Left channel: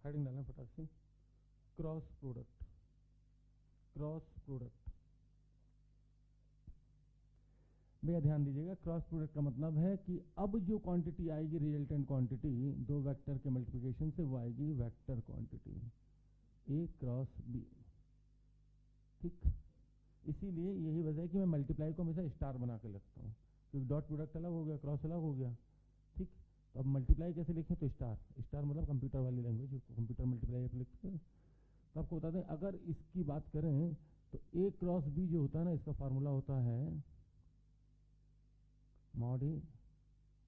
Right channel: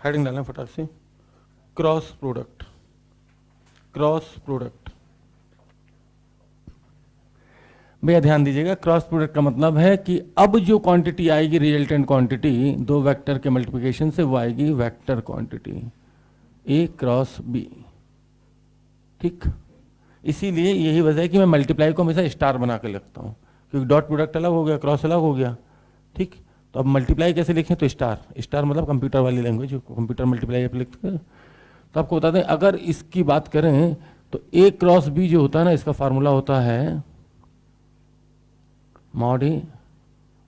Heading डालना फटाक से, क्रॉस प्रोडक्ट। क्रॉस प्रोडक्ट भैया ध्यान दीजिएगा, क्रॉस प्रोडक्ट का मतलब है कि अब जो क्वांटिटी आएगी रिजल्टेंट क्वांटिटी दो वेक्टर के मल्टीप्लिकेशन से, वो आएगी वेक्टर क्वांटिटी ए क्रॉस बी। ठीक, इसीलिए यही वजह है कि मैं मल्टीप्लाई को हमेशा स्टार बना कर लिखता हूँ, क्योंकि डॉट प्रोडक्ट अलग हो गया, क्रॉस अलग हो गया। ठीक, तो अब मल्टीप्लाई कैसे लिखें, तो स्टार। स्टार मतलब कंप्यूटर वाली लैंग्वेज, कंप्यूटर मल्टीप्लाई आप लिखते हैं। तो आपको बता दें, अगर इसकी बात करें तो ए क्रॉस बी जो होता है ना, इसका फार्मूला होता है mod a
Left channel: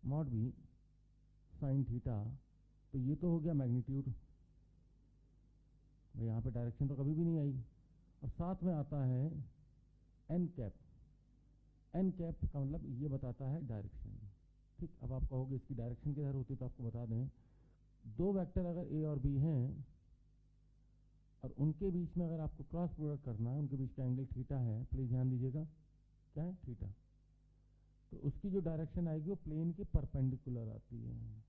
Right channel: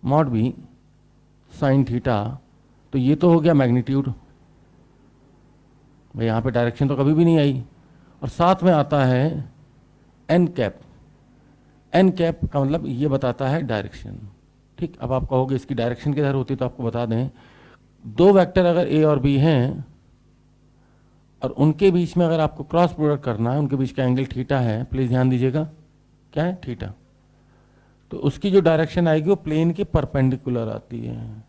mod B sine theta. तो ये तो हो गया मैग्नीट्यूड, भाई यहाँ पे डायरेक्शन तो कभी भी नहीं आई। और साथ में आता है एन कैप। एन कैप का मतलब ये बताता है डायरेक्शन। ठीक, अब आप कहोगे इसकी डायरेक्शन किधर होती है, तो आपको बता दें, दो वेक्टर अगर ए और बी हैं और उनके बीच में अगर आपको क्रॉस प्रोडक्ट करना है, उनके बीच का एंगल थीटा है, प्लीज ध्यान दीजिएगा, क्या है, थीटा। तो उसकी जो डायरेक्शन आएगी वो प्लेन के परपेंडिकुलर आती है।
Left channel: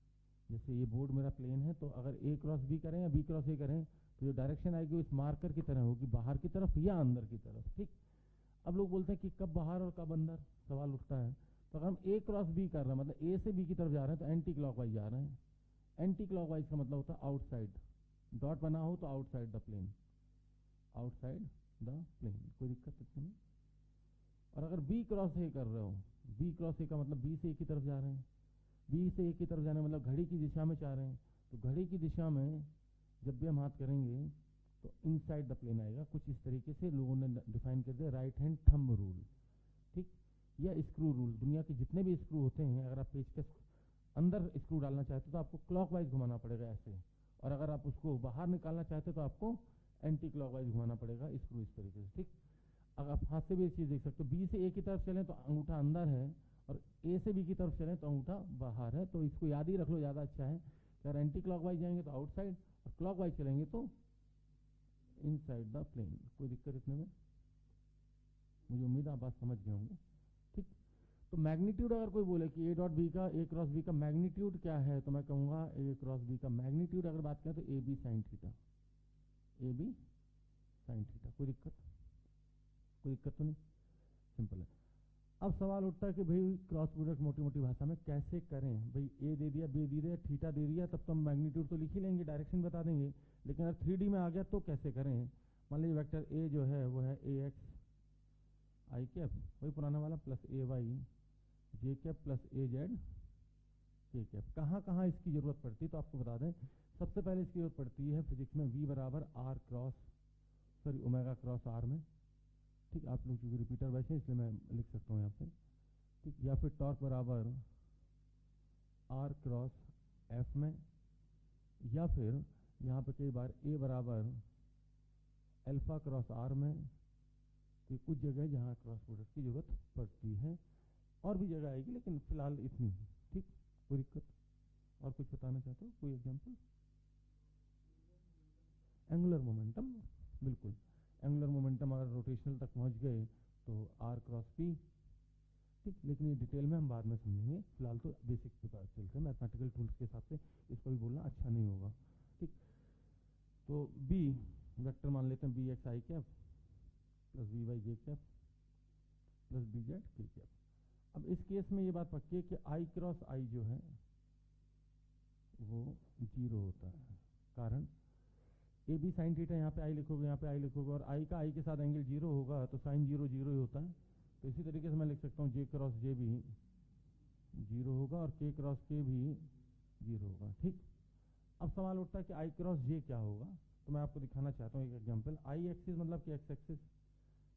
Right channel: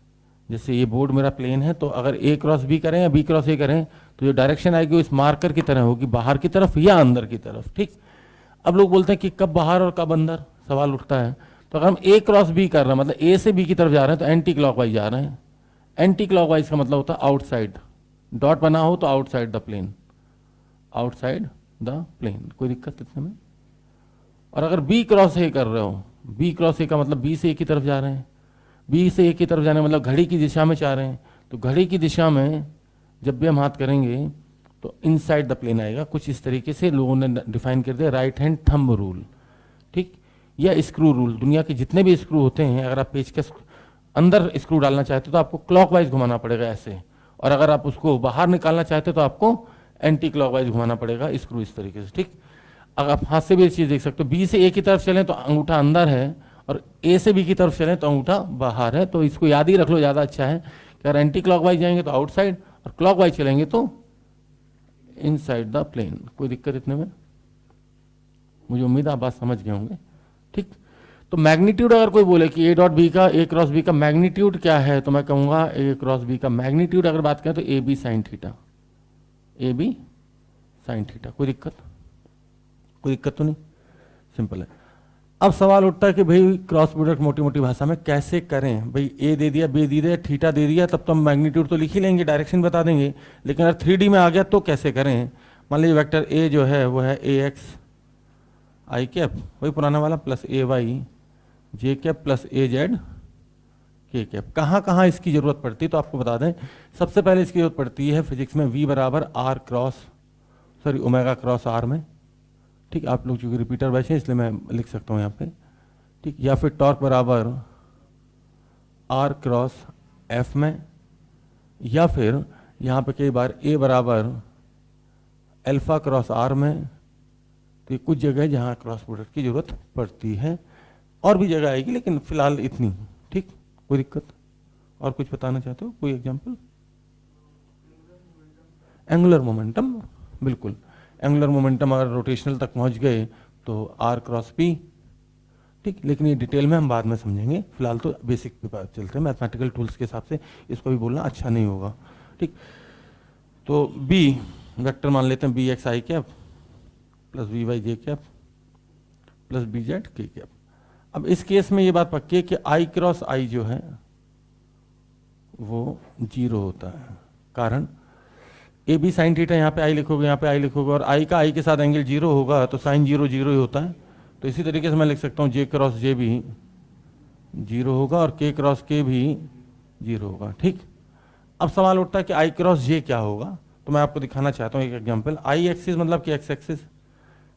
जैसे ये बोर्ड मेरा प्लेन है, तो अगर ए क्रॉस बी करें या बी क्रॉस ए करें, तो जो डायरेक्शन आएगी वो इस मार्कर की तरह होगी, बाहर की तरफ या अंदर की तरफ। ठीक, अब लोग बोलते हैं कि कब बाहर और कब अंदर, सवाल उठता है। तो अगर हम ए क्रॉस बी कर रहे हैं, मतलब ए से बी की तरफ जा रहे हैं, तो एंटी क्लॉकवाइज जा रहे हैं। एंटी क्लॉकवाइज का मतलब होता है आउटसाइड, डॉट बना हो तो outside the plane, outside the plane, कोई दिक्कत इतने में। और अगर बी क्रॉस ए कर रहे हो, बी क्रॉस ए का मतलब बी से ए की तरफ जा रहे हैं, बी से ए की तरफ जाने मतलब घड़ी की दिशा में जा रहे हैं, तो घड़ी की दिशा में जब भी हम हाथ करेंगे तो इनसाइड द प्लेन आएगा। कुछ इस तरीके से लोगों ने डिफाइन कर दिया, राइट हैंड थंब रूल। ठीक, या स्क्रू रूल। दुनिया के जितने भी स्क्रू होते हैं, अगर आप पेचकस अंदर स्क्रू डालना चाहते हो तो आपको क्लॉकवाइज घुमाना पड़ेगा ऐसे, और अगर आप उसको बाहर निकालना चाहते हो तो आपको एंटी क्लॉकवाइज घुमाना पड़ेगा स्क्रू, इस तरीके से। ठीक, अगर आप हाथ से भी ये चीज़ देख सकते हो, बी से ए की तरफ चलें तो अंगूठा अंदर है, और ए से बी की तरफ चलें तो अंगूठा बाहर है। तो इसको याद ही रख लो, ज़्यादा अच्छा है कि अगर एंटी क्लॉकवाइज जाएंगे तो आउटसाइड, और क्लॉकवाइज चलेंगे तो इनसाइड द प्लेन। कोई दिक्कत इतने में, मुझे उम्मीद है आप बात समझ गए होंगे। ठीक, तो मैग्नीट्यूड अगर कोई बोले कि ए डॉट बी का, ए क्रॉस बी का मैग्नीट्यूड क्या है, तो मैं कहूँगा ए क्रॉस बी का मैग्नीट्यूड अगर बात करें तो A B sine theta, A B sine theta. कोई दिक्कत, कोई दिक्कत तो नहीं, सिंपल है। अब सवाल उठता है कि भाई क्रॉस प्रोडक्ट मोटी मोटी भाषा में कैसे करें। भाई ए दे दिया, बी दे दिया, थीटा दे दिया, तब तो हम मैग्नीट्यूड तो लिख ही लेंगे, डायरेक्शन बता देंगे, लेकिन अगर 3D में आ गया तो कैसे करें। मान लीजिए वेक्टर ए जो है वो है ए एक्स आई कैप, वही पुराना वाला, प्लस ए वाई जे कैप प्लस ए जेड के कैप। कहाँ कहाँ इसकी ज़रूरत पड़ती है तो आपको बता दें, सबसे पहले इसकी ज़रूरत पड़ती है फिजिक्स में वी बराबर R cross, sorry omega cross R में। ठीक, आप लोग चूँकि रिपीटर बैठे इसलिए मैं लिख सकता हूँ यहाँ पे। ठीक, या फिर टॉर्क बराबर आर क्रॉस एफ में, या फिर यहाँ पे कई बार ए बराबर अल्फा क्रॉस आर में। तो ये कुछ जगह है जहाँ क्रॉस प्रोडक्ट की ज़रूरत पड़ती है, और भी जगह आएगी लेकिन फिलहाल इतनी। ठीक, कोई दिक्कत, और कुछ बताना चाहते हो, कोई एग्जांपल। एंगुलर मोमेंटम, बिल्कुल, एंगुलर मोमेंटम अगर रोटेशनल तक पहुंच गए तो आर क्रॉस पी। ठीक, लेकिन ये डिटेल में हम बाद में समझेंगे, फिलहाल तो बेसिक पे बात चलते हैं। मैथमेटिकल टूल्स के हिसाब से इसको भी बोलना अच्छा नहीं होगा। ठीक, तो बी वेक्टर मान लेते हैं, B x I cap plus B Y J cap plus B Z K cap. अब इस केस में ये बात पक्की है कि आई क्रॉस आई जो है वो 0 होता है। कारण ए बी साइन थीटा, यहाँ पे आई लिखोगे, यहाँ पे आई लिखोगे, और आई का आई के साथ एंगल 0 होगा तो साइन 0 0 ही होता है। तो इसी तरीके से मैं लिख सकता हूँ जे क्रॉस जे भी 0 होगा और के क्रॉस के भी 0 होगा। ठीक, अब सवाल उठता है कि आई क्रॉस जे क्या होगा, तो मैं आपको दिखाना चाहता हूँ एक एग्जाम्पल। आई एक्सिस मतलब कि एक्स एक्सिस,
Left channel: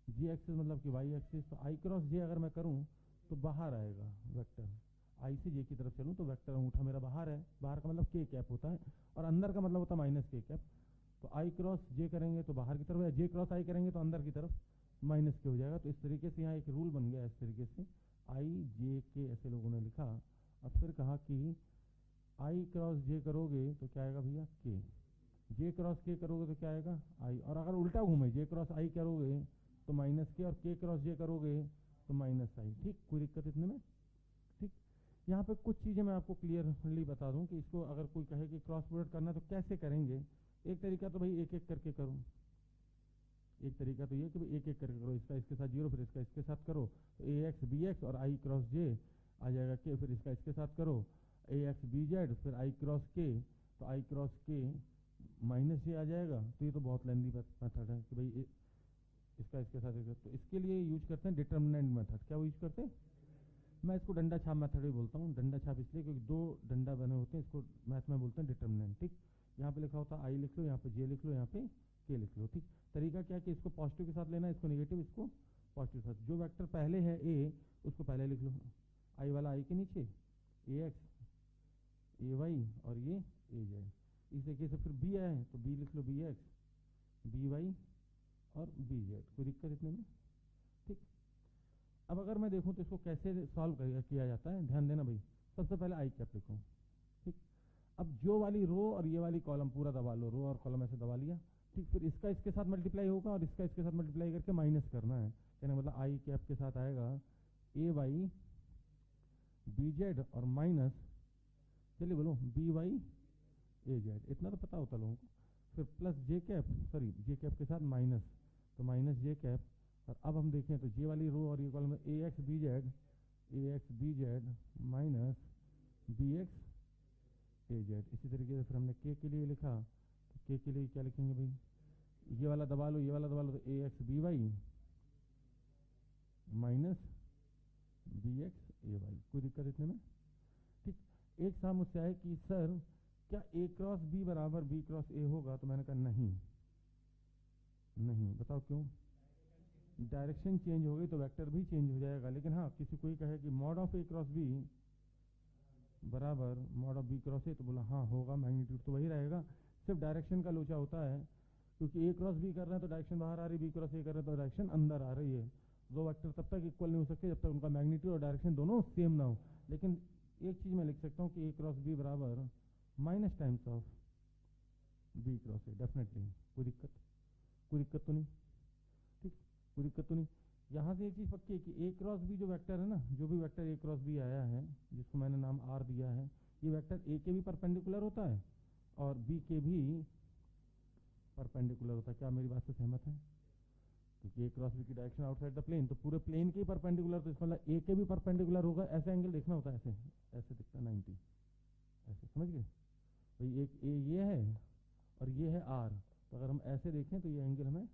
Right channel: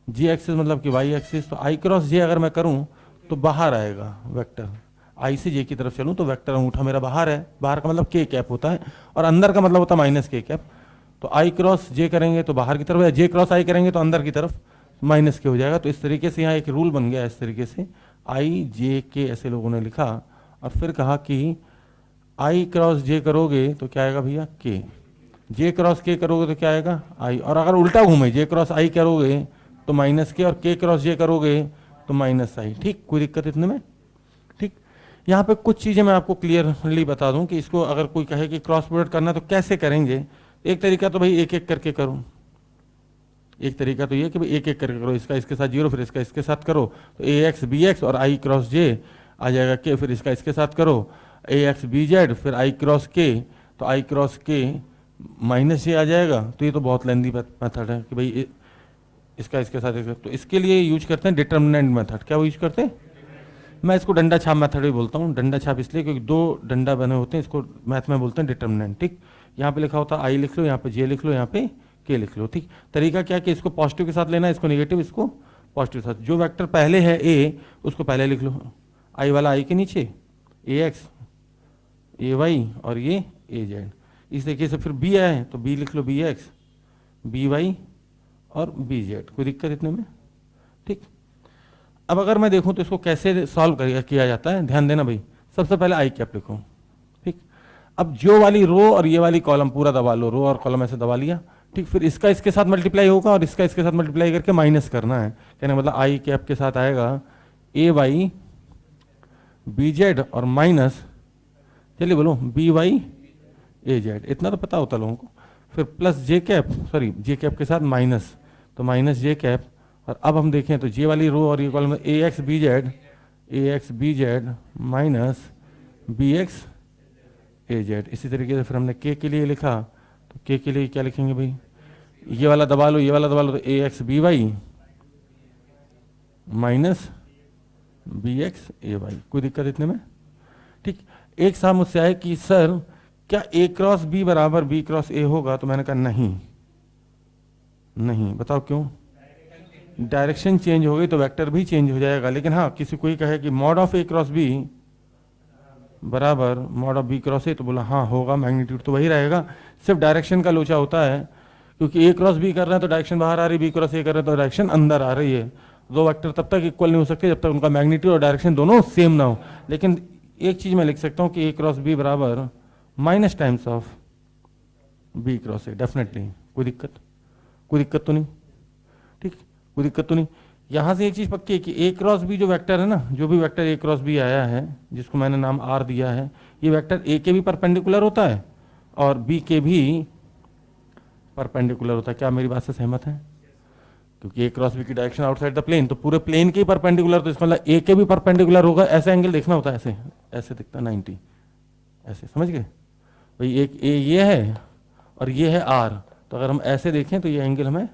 जी एक्सिस मतलब कि वाई एक्सिस। तो आई क्रॉस जे अगर मैं करूँ तो बाहर आएगा वेक्टर, आई से जे की तरफ चलूँ तो वेक्टर अंगूठा मेरा बाहर है, बाहर का मतलब के कैप होता है, और अंदर का मतलब होता है माइनस के कैप। तो आई क्रॉस जे करेंगे तो बाहर की तरफ, या जे क्रॉस आई करेंगे तो अंदर की तरफ माइनस के हो जाएगा। तो इस तरीके से यहाँ एक रूल बन गया, इस तरीके से आई जे के ऐसे लोगों ने लिखा, और फिर कहा कि आई क्रॉस जे करोगे तो क्या आएगा भैया के, जे क्रॉस के करोगे तो क्या आएगा आई, और अगर उल्टा घूमे जे क्रॉस आई करोगे तो माइनस के, और के क्रॉस जे करोगे तो माइनस आई। ठीक, कोई दिक्कत इतने में। ठीक, यहाँ पे कुछ चीज़ें मैं आपको क्लियरली बता दूं कि इसको अगर कोई कहे कि क्रॉस प्रोडक्ट करना तो कैसे करेंगे। एक तरीका तो भाई एक एक करके करो, एक तरीका तो ये कि भाई एक एक करके करो, इसका इसके साथ जीरो, फिर इसका इसके साथ करो तो ए एक्स बी एक्स और आई क्रॉस जे आ जाएगा के, फिर इसका इसके साथ करो ए एक्स बी जेड, फिर आई क्रॉस के, तो आई क्रॉस के माइनस जे आ जाएगा। तो ये तो बहुत लेंदी मेथड है कि भाई इसका इसके साथ तो इसके लिए यूज करते हैं डिटर्मिनेंट मेथड। क्या वो यूज करते हैं? मैं इसको डंडा छाप मेथड भी बोलता हूँ। डंडा छाप इसलिए क्योंकि दो डंडा बने होते हैं, इसको मैथ में बोलते हैं डिटर्मिनेंट। ठीक, यहाँ पे लिखा होता है आई लिख लो, यहाँ पे जे लिख लो, यहाँ पे के लिख लो। ठीक, तरीका क्या कि इसको पॉजिटिव के साथ लेना है, इसको नेगेटिव, इसको पॉजिटिव के साथ। जो वेक्टर पहले है ए उसको पहले लिख लो, आई वाला आई के नीचे ए एक्स ए वाई और ये ए जेड। इस तरीके से फिर बी आए तो बी लिख लो बी एक्स बी वाई और बी जेड। कोई दिक्कत इतने में? ठीक, अब अगर मैं देखूं तो इसको कैसे सॉल्व किया जाता है, ध्यान देना भाई। सबसे पहले आई कैप लिखो। ठीक, अब जो वाली रो और ये वाली कॉलम पूरा दबा लो, रो और कॉलम ऐसे दबा लिया। ठीक, फिर इसका इसके साथ मल्टीप्लाई होगा और इसका इसके साथ मल्टीप्लाई करके माइनस करना है। कहने मतलब आई कैप के साथ आएगा ए वाई बी जेड और माइनस, चलिए बोलो बी वाई ए जेड। इतना तो पता होता लोगों को। फिर प्लस जे कैप, सॉरी जे कैप के साथ माइनस, तो माइनस जे कैप। और अब हम देखें तो जे वाली रो और ये column A x B Z minus B x A Z. इसी तरीके से फिर हमने के लिए लिखा, तो के लिए क्या लिखेंगे भाई, ये वाला दबा लो, ये वाला दबा लो, तो a x b y minus B x a y. कोई दिक्कत इतने में? ठीक, एक साहब मुझसे आए कि सर क्या ए क्रॉस बी बराबर बी क्रॉस ए होगा? तो मैंने कहा नहीं, नहीं। बताओ क्यों? डायरेक्शन चेंज हो गई तो वेक्टर भी चेंज हो जाएगा। लेकिन हाँ, किसी कोई कहे कि mod of A cross B बराबर mod of B cross a, तो बोला हाँ होगा, मैग्नीट्यूड तो वही रहेगा, सिर्फ डायरेक्शन का लोचा होता है। क्योंकि ए क्रॉस बी कर रहे हैं तो डायरेक्शन बाहर आ रही है, बी क्रॉस ए कर रहे हैं तो डायरेक्शन अंदर आ रही है। दो वेक्टर तब तक इक्वल नहीं हो सकते जब तक उनका मैग्नीट्यूड और डायरेक्शन दोनों सेम ना हो। लेकिन एक चीज़ मैं लिख सकता हूँ कि ए क्रॉस बी बराबर minus times of B cross A, definitely. कोई दिक्कत? कोई दिक्कत तो नहीं? ठीक, कोई दिक्कत तो नहीं। यहाँ से एक चीज़ पक्की है कि ए क्रॉस बी जो वेक्टर है ना, जो भी वेक्टर ए क्रॉस बी आया है जिसको मैंने नाम आर दिया है, ये वेक्टर ए के भी परपेंडिकुलर होता है और बी के भी परपेंडिकुलर होता है। क्या मेरी बात से सहमत है? क्योंकि ए क्रॉस बी की डायरेक्शन आउटसाइड द प्लेन, तो पूरे प्लेन के ही परपेंडिकुलर, तो इसका मतलब ए के भी परपेंडिकुलर होगा। ऐसे एंगल देखना होता है, ऐसे ऐसे दिखता है 90, ऐसे, समझ गए भाई? एक ए ये है और ये है आर, तो अगर हम ऐसे देखें तो ये एंगल हमें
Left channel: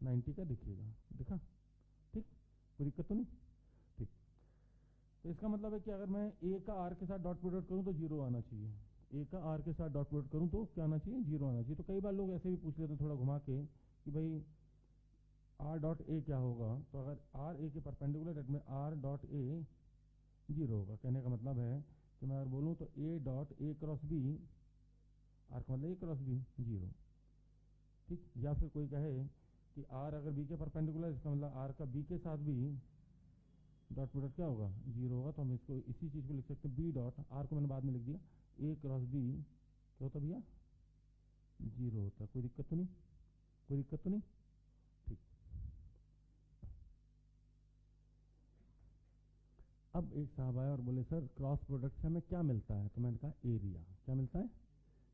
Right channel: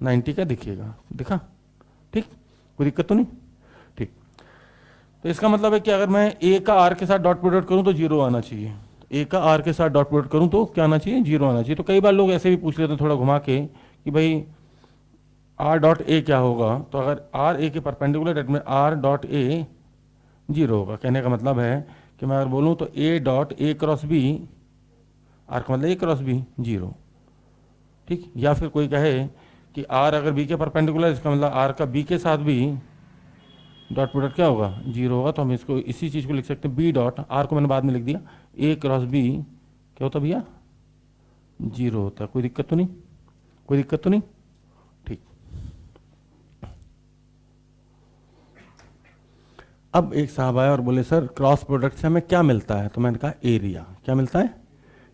90 का दिखेगा। दिखा? ठीक, कोई दिक्कत तो नहीं? ठीक, तो इसका मतलब है कि अगर मैं ए का आर के साथ डॉट प्रोडक्ट करूं तो जीरो आना चाहिए। ए का आर के साथ डॉट प्रोडक्ट करूं तो क्या आना चाहिए? जीरो आना चाहिए। तो कई बार लोग ऐसे भी पूछ लेते हैं थोड़ा घुमा के कि भाई आर डॉट ए क्या होगा? तो अगर आर ए के परपेंडिकुलर, डेट में आर डॉट ए जीरो होगा। कहने का मतलब है कि मैं अगर बोलूँ तो A dot A cross B, R का मतलब ए क्रॉस बी, जीरो। ठीक, या फिर कोई कहे कि आर अगर बी के परपेंडिकुलर, इसका मतलब आर का बी के साथ भी डॉट प्रोडक्ट क्या होगा? जीरो होगा। तो हम इसको इसी चीज़ को लिख सकते हैं बी डॉट, आर को मैंने बाद में लिख दिया, ए क्रॉस बी क्या होता भैया? जीरो होता है। कोई दिक्कत तो नहीं? कोई दिक्कत तो नहीं? ठीक, अब एक साहब आए और बोले सर क्रॉस प्रोडक्ट से हमें क्या मिलता है? तो मैंने कहा एरिया। क्या मिलता है?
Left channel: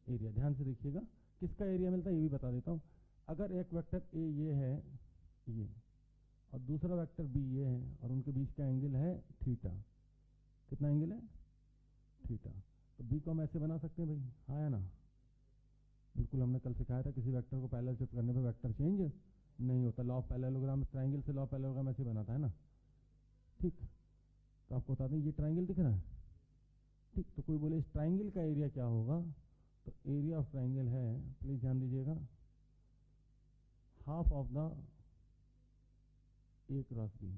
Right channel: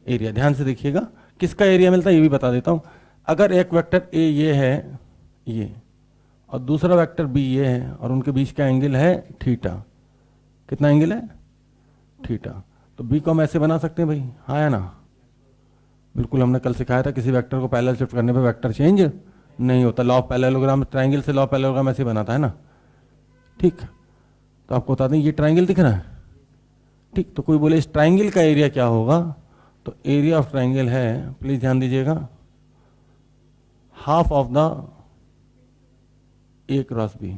एरिया। ध्यान से देखिएगा, किसका एरिया मिलता है ये भी बता देता हूँ। अगर एक वेक्टर ए ये है, ये, और दूसरा वेक्टर बी ये है और उनके बीच का एंगल है थीटा। कितना एंगल है? थीटा। तो बी को हम ऐसे बना सकते हैं भाई, हाँ या ना? बिल्कुल, हमने कल सिखाया था किसी वेक्टर को पैरेलल शिफ्ट करने पे वेक्टर चेंज नहीं होता। लॉ ऑफ पैरेललोग्राम, ट्रायंगल से लॉ ऑफ पैरेललोग्राम ऐसे बनाता है ना। ठीक, तो आपको बता दें ये ट्रायंगल दिख रहा है। ठीक, तो कोई बोले इस ट्रायंगल का एरिया क्या होगा? तो एरिया ऑफ ट्रायंगल है, प्लीज ध्यान दीजिएगा, half of the A cross B.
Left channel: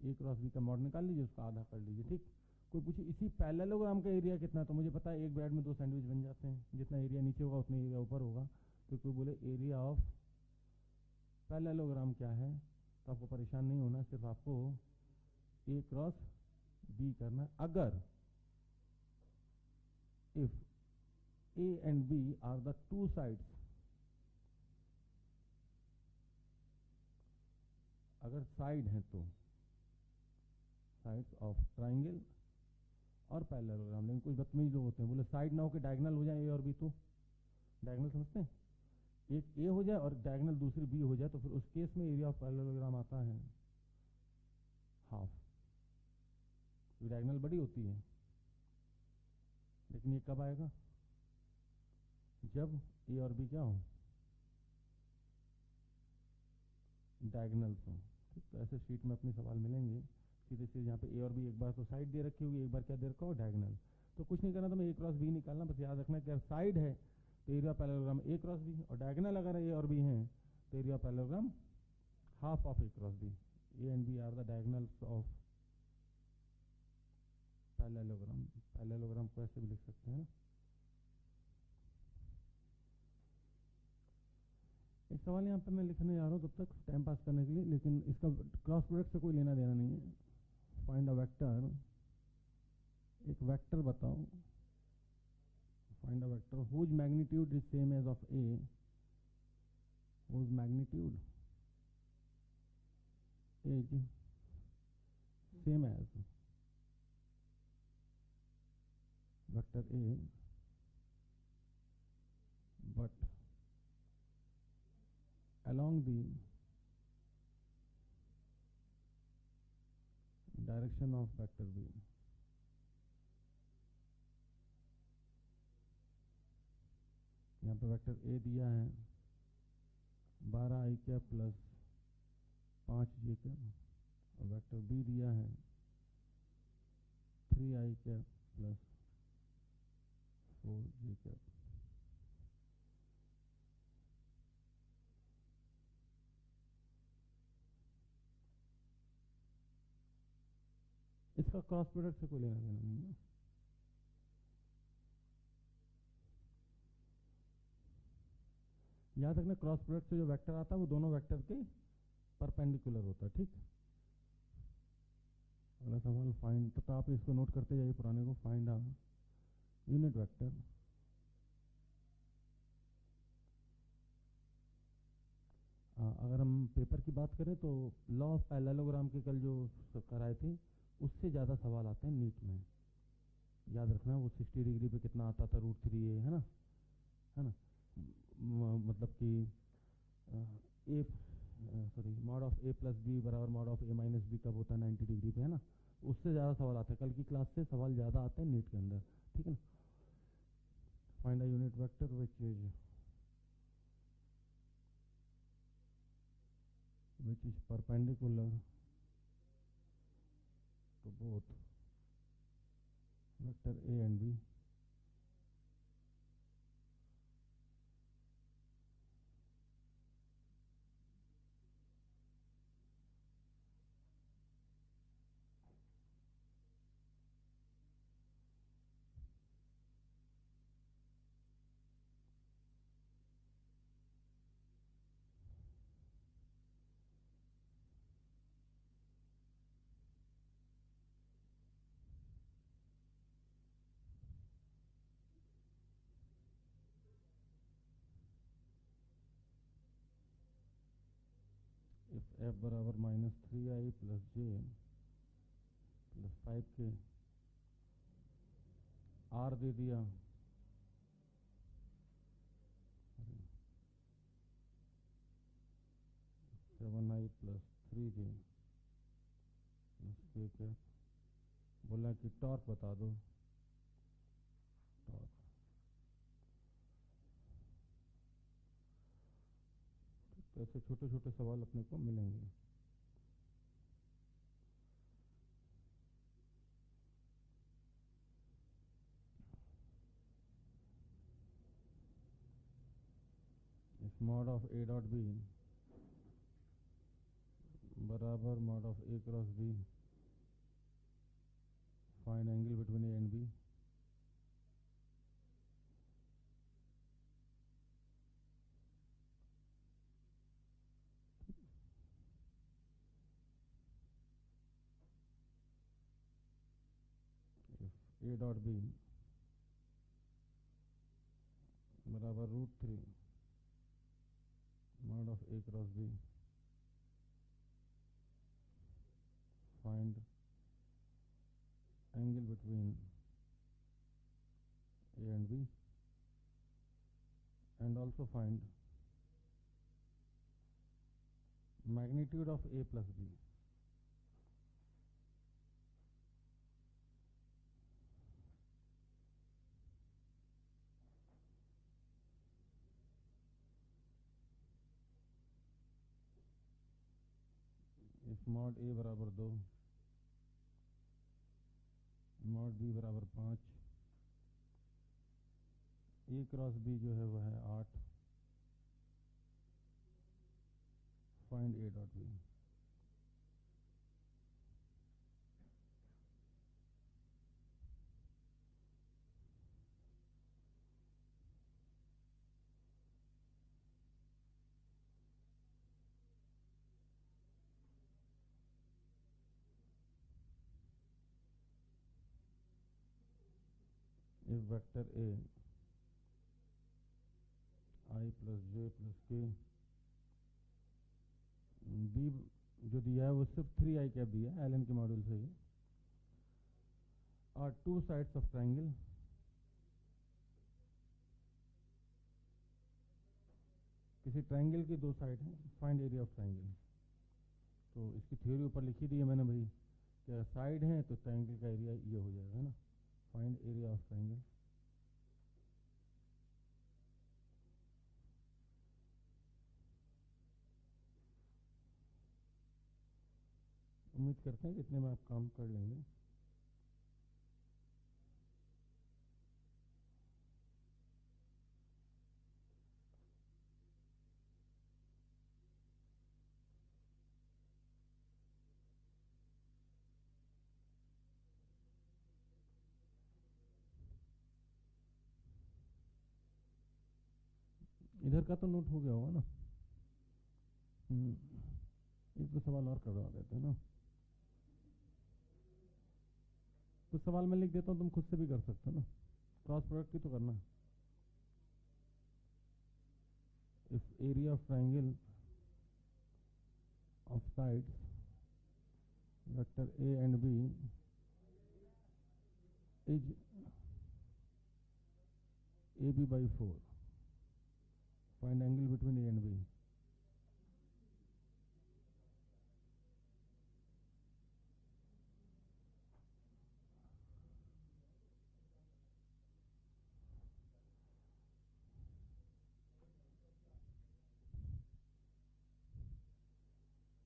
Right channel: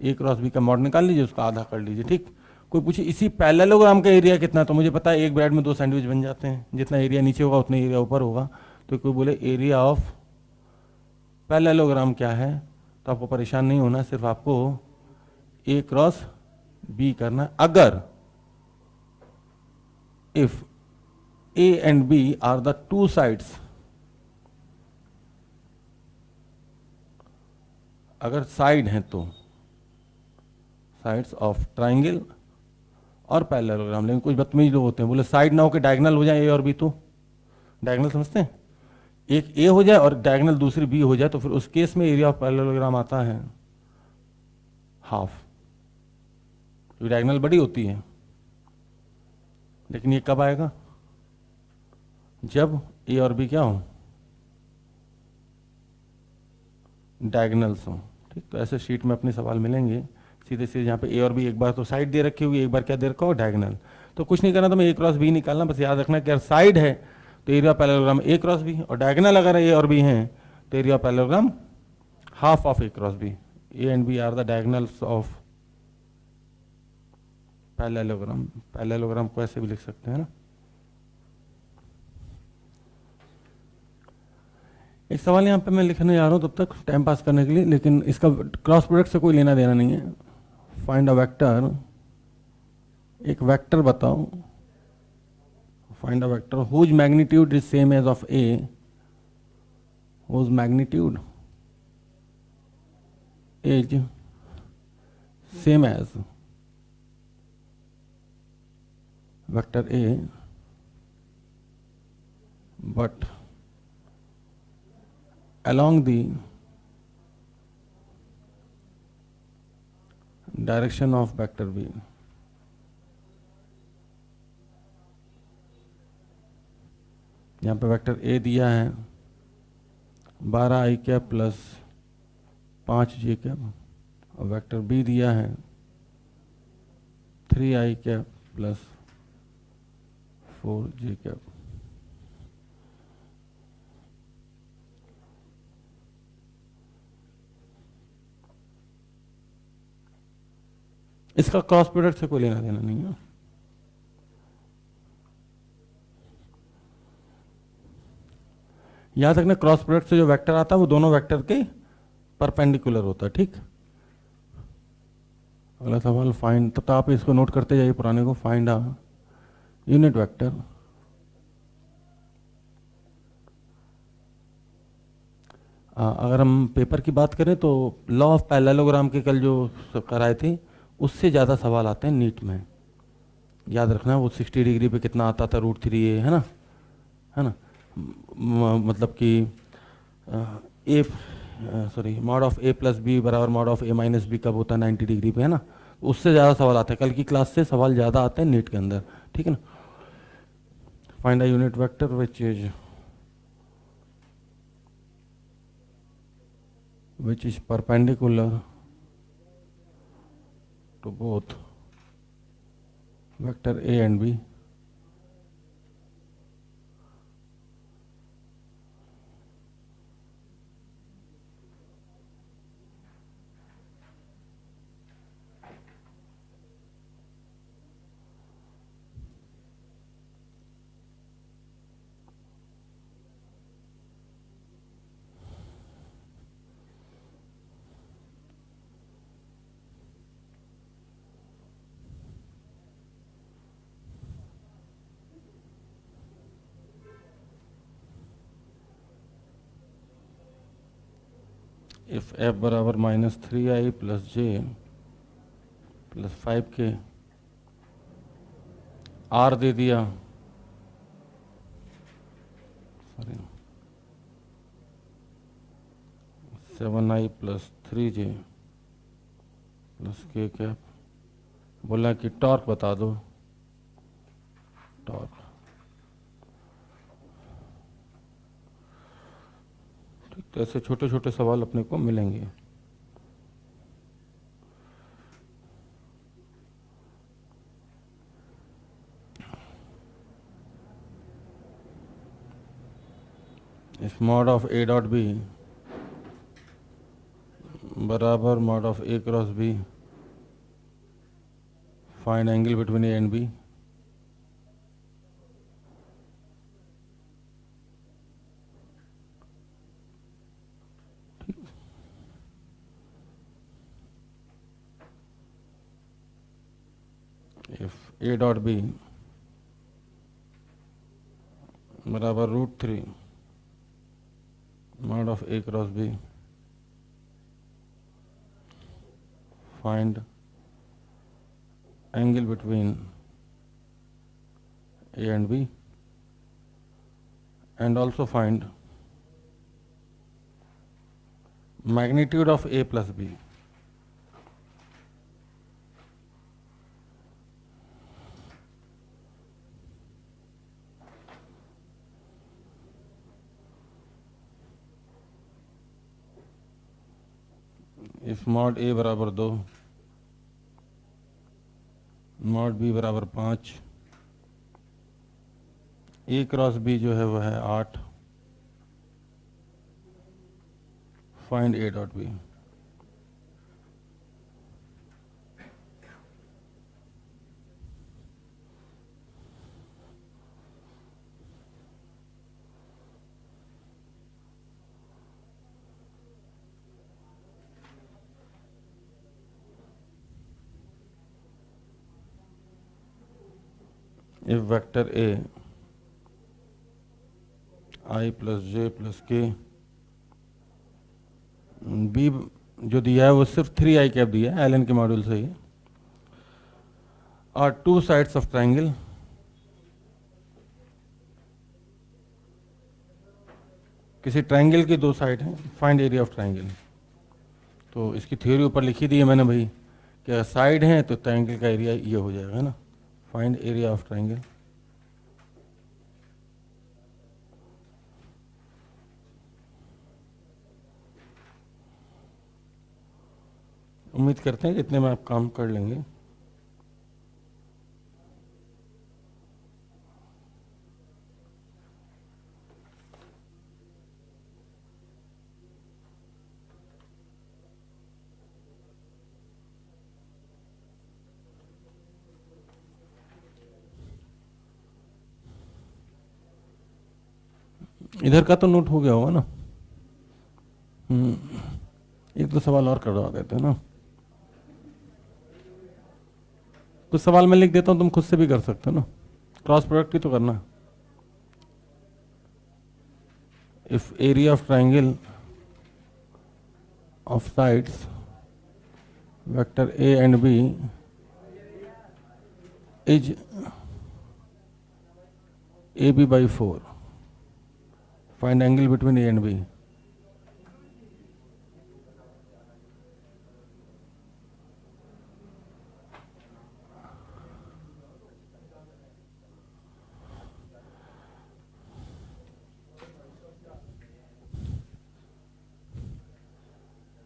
A cross B का मॉड निकाल लीजिए, उसका आधा कर लीजिए। ठीक, कोई पूछे इसी पैरेललोग्राम का एरिया कितना? तो मुझे पता है एक ब्रेड में दो सैंडविच बन जाते हैं, जितना एरिया नीचे होगा उतना एरिया ऊपर होगा। तो कोई बोले एरिया ऑफ पैरेललोग्राम क्या है? तो आपको परेशान नहीं होना, सिर्फ आपको ए क्रॉस बी करना। अगर if A and B are the two sides, अगर साइड हैं तो साइड्स ऑफ ट्राइंगल और पैरेललोग्राम, लेकिन कुछ बदतमीज लोग होते हैं, बोले साइड ना हो के डायगनल हो जाए ए और बी, तो डायगनल समझते हैं, एक ए हो जाए और डायगनल दूसरी बी हो जाए, तो फिर उस केस में एरिया ऑफ पैरेललोग्राम आता है हाफ, क्योंकि डायगनल बड़ी होती है। लेकिन ये कब आएगा? जब ए और बी क्या हो, डायगनल्स हो। ठीक, तो ऐसे शीट में अपने सवाल मिलेंगे सीधे सीधे, जहाँ पे ए और बी एक बार तो साइड दे रखी हुई, एक बार क्या दे रखा हो, डायगनल। तो कुछ नहीं करना, तो मैं ए क्रॉस बी निकालना, बस याद रखना कि अगर साइड है तो area parallelogram A cross B, और डायगनल अगर ए और बी हैं तो area parallelogram half of A cross B. A and B are the diagonals of parallelogram. Parallelogram को ऐसे भी लिख सकते हैं ना। एक सवाल यहाँ पे मैं लिखने जा रहा हूँ तब तक टाइम पास करने के लिए, लेकिन इसका क्रॉस प्रोडक्ट से कोई लेना देना नहीं है। फाइंड अ वेक्टर, एक वेक्टर बताओ, find a vector whose magnitude is same as of A, whose magnitude is same as vector A, but along the direction of vector b। यहाँ पे वेक्टर ए दिया है 12i cap plus 5j cap, और vector B दिया है 3i cap plus 4j cap. इसका cross product से कोई लेना देना नहीं है। याद रखना, क्रॉस प्रोडक्ट से जो वेक्टर आता है वो दोनों वेक्टर के परपेंडिकुलर होता है। ठीक, अगला सवाल फाइंड, तब तक आप इसको नोट करते जाइए पुराने को। फाइंड अ यूनिट वेक्टर, अगर हम पेपर की बात करें तो लॉ ऑफ पैरेललोग्राम के कल जो कराए थे उससे ज़्यादा सवाल आते हैं नीट में। याद रखना, वो 60 डिग्री पे कितना आता था, √3 ए, है ना, है ना, मतलब कि a sorry mod of a plus b बराबर mod of a minus b कब होता है, 90 डिग्री पे, है ना। उससे ज़्यादा सवाल आते हैं, कल की क्लास से सवाल ज़्यादा आते हैं नीट के अंदर। ठीक है ना। Find a unit vector which is perpendicular to both vector A and B, if f बराबर -3i plus j plus 5k, r दे दिया, sorry 7i plus 3j plus k cap, बोला कि टॉर्क बता दो, टॉर्क। ठीक, तो ऐसे छोटे छोटे सवाल अपने को मिलेंगे। If mod of a dot b बराबर mod of A cross b, find angle between a and b. If a dot b बराबर √3 mod of A cross b, find angle between A and B, and also find magnitude of A plus B. If mod A बराबर 2, mod B बराबर 5, A cross B जो है वह है 8, find A dot B. If vector A I plus j plus k, B जो दिया है वो सिर्फ 3i कैप दिया है, एलन के मॉड्यूल से ही, are two sides of triangle, किसी ट्राइंगल की दो साइड हैं, फाइंड एरिया ऑफ ट्राइंगल. तो इसकी थ्योरी ऊपर लिखी दी है मैंने भाई कि अगर साइड है तो ट्राइंगल का एरिया ये हो जाएगा, है ना, फाइंड एरिया ऑफ ट्राइंगल. उम्मीद करते हैं कि इतने में आप काम कर लेंगे. इधर का तो नोट हो गया होगा ना. एक दो सवाल और करवा देते हैं ना. कुछ सवाल मैं लिख देता हूँ, तुम खुद से भी कर सकते हो ना. क्रॉस प्रोडक्ट भी तो करना. If area of triangle of sides vector A and B is AB by 4, find angle between A and B.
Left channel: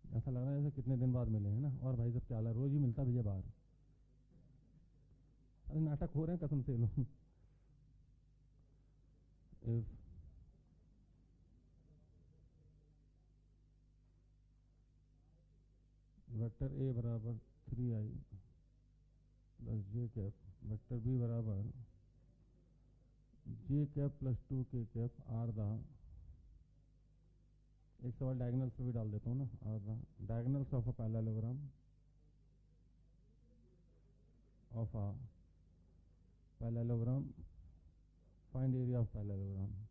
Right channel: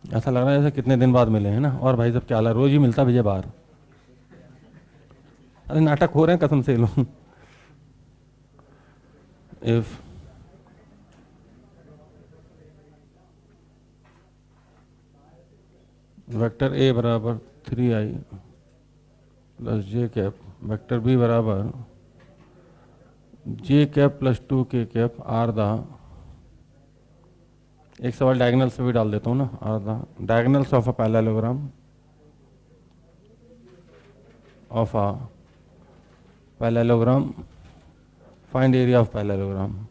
ऐसा लग रहा है जैसे कितने दिन बाद मिले हैं ना. और भाई साहब क्या हाल है, रोज ही मिलता विजय बाहर. अरे नाटक हो रहे हैं कसम से लोग. इफ वेक्टर A बराबर 3i plus j cap, vector B बराबर j cap plus 2k cap are the, एक सवाल डायगोनल से भी डाल देता हूँ ना, are the diagonals of a parallelogram of a parallelogram, find area of parallelogram.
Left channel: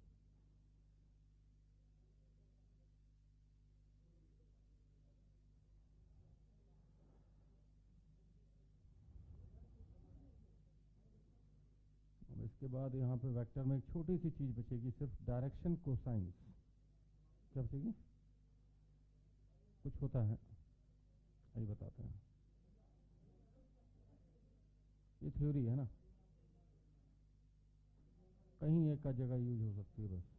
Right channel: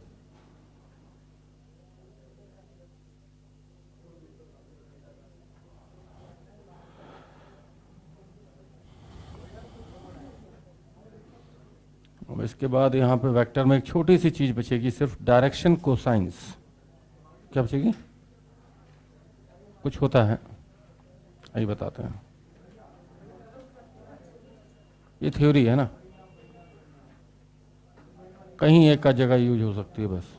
इसके बाद यहाँ पे वेक्टर में एक छोटी सी चीज बचेगी, सिर्फ डायरेक्शन कोसाइंस. क्या बचेगी? कुछ होता है, यही बताते हैं. ये थ्योरी है ना, कहीं एक का जगह यूज हो सकती है बस.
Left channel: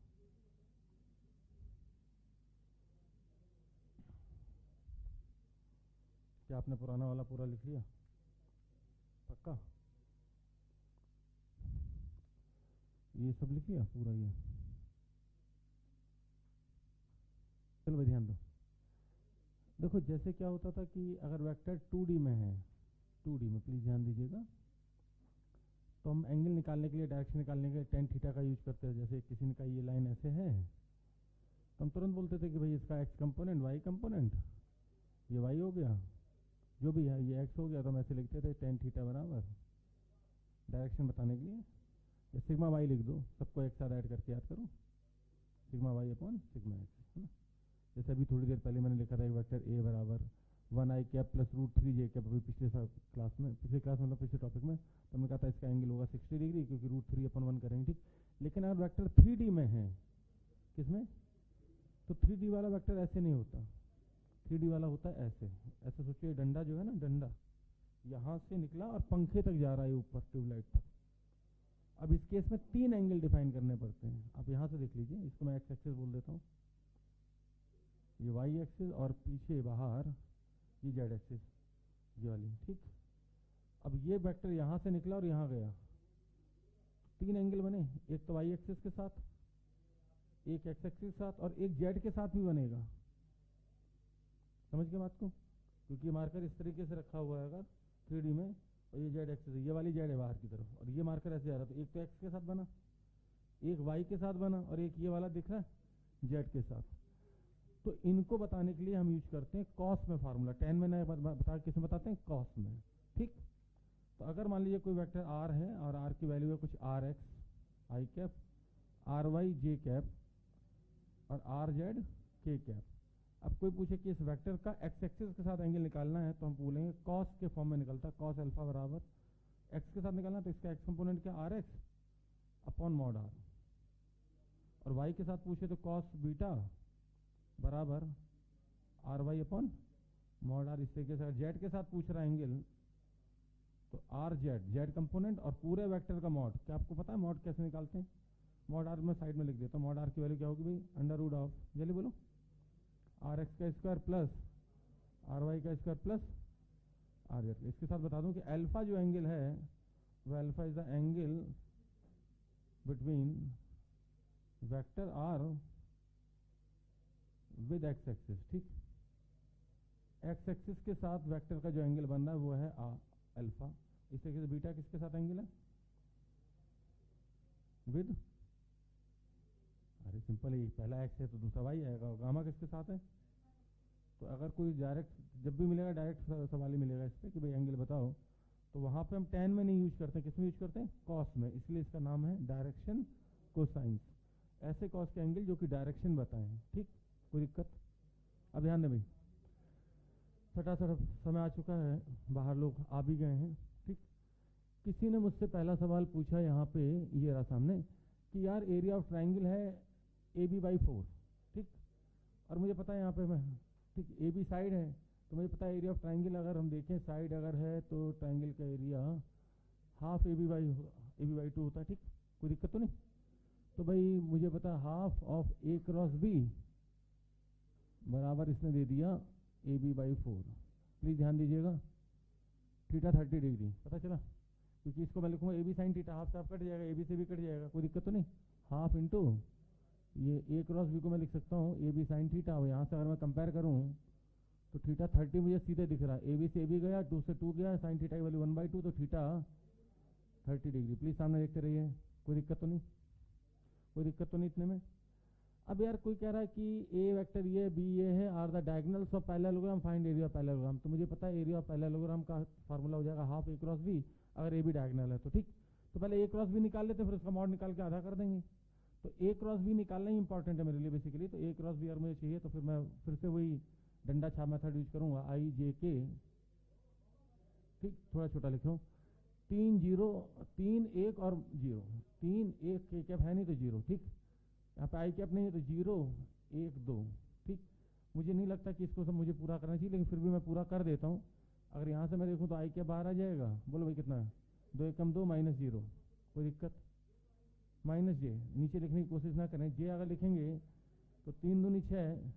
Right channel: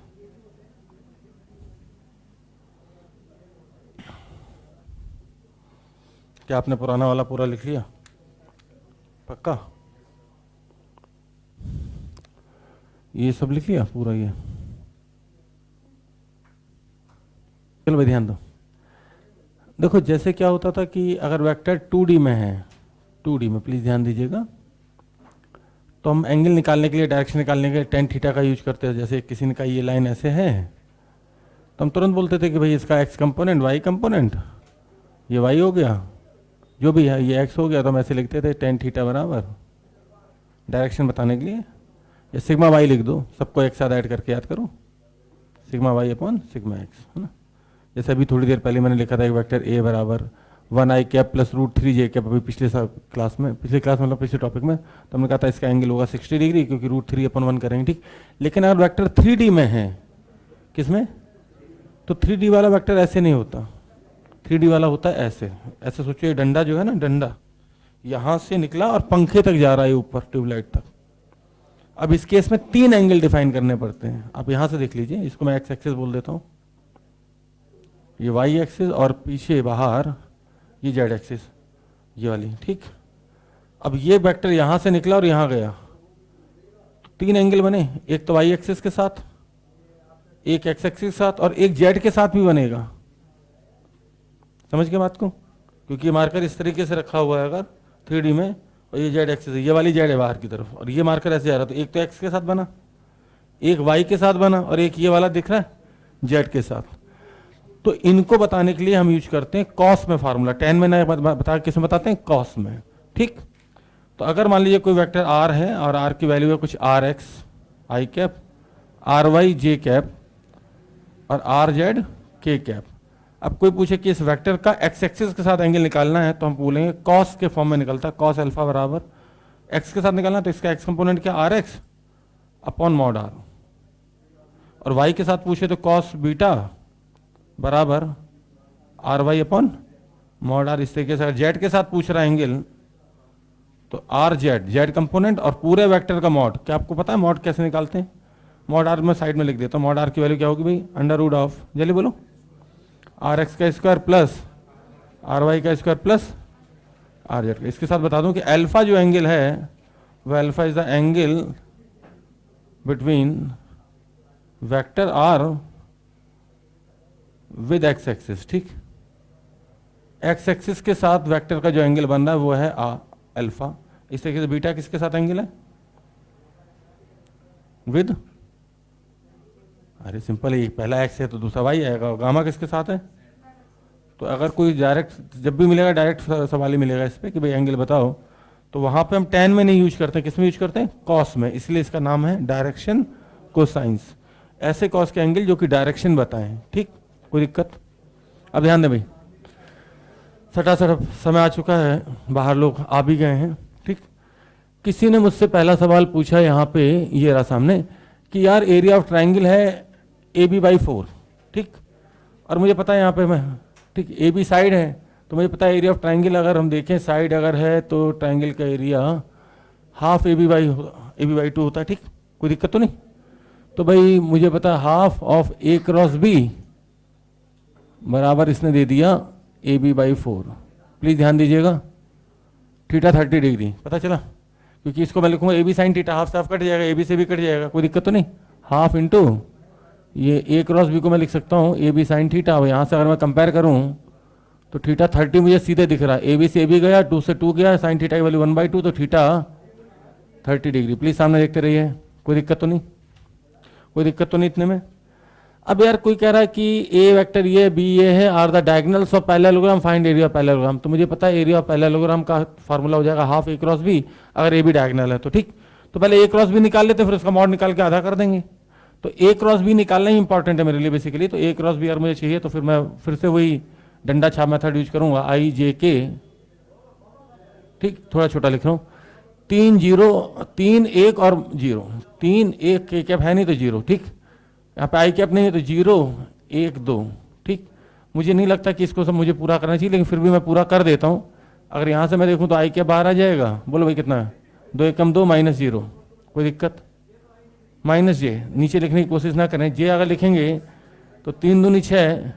क्या आपने पुराना वाला पूरा लिख लिया? पक्का ये सब लिख लिया पूरा? ये चलो भाई ध्यान दो. देखो जैसे क्या होता था कि अगर वेक्टर 2D में है, 2D में प्लीज ध्यान दीजिएगा, तो हम एंगल निकालने के लिए, डायरेक्शन निकालने के लिए टेन थीटा का यूज करते हैं. जैसे किसी ने कहा ये लाइन ऐसे है, तो हम तुरंत बोलते थे कि भाई इसका x कंपोनेंट, y कंपोनेंट, ये y हो गया, जो भी है ये x हो गया. तो हम ऐसे लिखते थे टेन थीटा बराबर डायरेक्शन बताने के लिए, या सिग्मा y लिख दो, सबको एक साथ ऐड करके याद करो, sigma y upon sigma x, है ना. जैसे अभी थोड़ी देर पहले मैंने लिखा था एक वेक्टर A बराबर 1 i cap plus √3j cap. अभी पिछले क्लास में, मतलब पिछले टॉपिक में तो हमने कहा था इसका एंगल होगा 60 डिग्री, क्योंकि √3/1 करेंगे, ठीक। लेकिन अगर वेक्टर 3D में है, किसमें, तो 3D वाला वेक्टर ऐसे नहीं होता, 3D वाला होता है ऐसे। ऐसे सोचिए, डंडा जो है ना, डंडा यहाँ से निकला और पंखे तक जा रहा है ऊपर, ट्यूबलाइट तक। अब इस केस में 3 एंगल डिफाइन करने पड़ते हैं। आप यहाँ से देख लीजिए, इसको मैं एक्स एक्सिस बोल देता हूँ, ये वाई एक्सिस, और पीछे बाहर ये जेड एक्सिस, ये वाली, ठीक। अब ये वेक्टर यहाँ से निकला और यहाँ गया, तो 3 एंगल बने, एक तो वाई एक्सिस के साथ, एक एक्स एक्सिस के साथ, और एक जेड के साथ भी बनेगा। समझ के बात को, क्योंकि ये मार्कर इस तरीके से रखा हुआ है अगर 3D में, और ये जेड एक्सिस है, ये वाली जेड है बाहर की तरफ, और ये मार्कर ऐसे जा रहा है, तो एक तो एक्स के साथ बना, एक वाई के साथ बना, और एक ये वाला दिख रहा है जेड के साथ। तो इनको बताने के लिए हम यूज करते हैं कॉस में फार्मूला। 10 में ना बता, किस में बताते हैं, कॉस में, ठीक। तो अगर मान लीजिए कोई वेक्टर आर है और आर की वैल्यू है कुछ R X I cap, R Y J cap, और आर जेड के कैप। अब कोई पूछे कि इस वेक्टर का एक्स एक्सिस के साथ एंगल निकालना है, तो हम बोलेंगे कॉस के फॉर्म में निकलता है, कॉस अल्फा बराबर एक्स के साथ निकालना है, तो इसका एक्स कंपोनेंट क्या, R X upon mod R. और वाई के साथ पूछे तो कॉस बीटा बराबर R Y upon mod R. इस तरीके से जेड के साथ पूछ रहा है एंगल, तो आर जेड, जेड कंपोनेंट और पूरे वेक्टर का मॉड। क्या आपको पता है मॉड कैसे निकालते हैं? मॉड आर में साइड में लिख देता हूँ। मॉड आर की वैल्यू क्या होगी भाई, √, जल्दी बोलो, आर एक्स का स्क्वायर प्लस आर वाई का स्क्वायर प्लस आर जेड का। इसके साथ बता दूं कि अल्फा जो एंगल है वह alpha is the angle between vector R with X axis, ठीक। एक्स एक्सिस के साथ वेक्टर का जो एंगल बन रहा है वो है अल्फा। इस तरीके से बीटा किसके साथ एंगल है, विद, अरे सिंपल है, पहला एक्स है तो दूसरा वाई आएगा। गामा किसके साथ है, तो अगर कोई डायरेक्ट जब भी मिलेगा डायरेक्ट सवाल ही मिलेगा इस पर कि भाई एंगल बताओ, तो वहां पे हम tan में नहीं यूज करते, किस में यूज करते हैं, कॉस में। इसलिए इसका नाम है डायरेक्शन कोसाइंस। ऐसे कॉस के एंगल जो कि डायरेक्शन बताएं, ठीक। कोई दिक्कत? अब ध्यान दें भाई, सटा समय आ चुका है, बाहर लोग आ भी गए हैं, ठीक। किसी ने मुझसे पहला सवाल पूछा यहाँ पे, ये रहा सामने, कि यार एरिया ऑफ ट्राइंगल है AB/4, ठीक। और मुझे पता है यहाँ पे मैं, ठीक, AB साइड है, तो मुझे पता है एरिया ऑफ ट्राइंगल अगर हम देखें साइड अगर है तो ट्राइंगल का एरिया हाफ AB/2 होता है, ठीक। कोई दिक्कत तो नहीं? तो भाई मुझे पता है half of A cross B बराबर इसने दे दिया AB/4। प्लीज ध्यान दीजिएगा, थीटा 30 डिग्री पता चला, क्योंकि इसको मैं लिखूंगा AB साइन थीटा, हाफ से हाफ कट जाएगा, AB से भी कट जाएगा, कोई दिक्कत तो नहीं। हाफ इंटू ये A क्रॉस B को मैं लिख सकता हूँ AB साइन थीटा। यहाँ से अगर मैं कंपेयर करूँ तो थीटा 30 मुझे सीधे दिख रहा है, AB से AB गया, 2 से 2 गया, साइन थीटा की वैल्यू 1/2, तो थीटा 30 डिग्री। प्लीज सामने देखते रहिए, कोई दिक्कत तो नहीं, कोई दिक्कत तो नहीं इतने में। अब यार कोई कह रहा है कि ए वेक्टर ये, बी ये है, are the diagonals of parallelogram, find area of parallelogram. तो मुझे पता है एरिया ऑफ पैरेललोग्राम का फार्मूला हो जाएगा हाफ A क्रॉस B, अगर ए भी डायगोनल है तो, ठीक। तो पहले A क्रॉस B निकाल लेते, फिर उसका मॉड निकाल के आधा कर देंगे। तो A क्रॉस B निकालना ही इंपॉर्टेंट है मेरे लिए बेसिकली। तो A क्रॉस B अगर मुझे चाहिए तो फिर मैं फिर से वही डंडा छाप मेथड यूज करूंगा, IJK, ठीक। थोड़ा छोटा लिख रहा हूँ, 3 0 3 1 और 0, 3 1 के कैप है नहीं तो 0, ठीक। यहाँ पे आई कैप नहीं है तो 0 1 2, ठीक। मुझे नहीं लगता कि इसको सब मुझे पूरा करना चाहिए, लेकिन फिर भी मैं पूरा कर देता हूँ। अगर यहाँ से मैं देखूँ तो आई कैप बाहर आ जाएगा, बोलो भाई कितना है, 2 1 2 -0, कोई दिक्कत? -j नीचे लिखने की कोशिश ना करें, जे अगर लिखेंगे तो 3 दूनी 6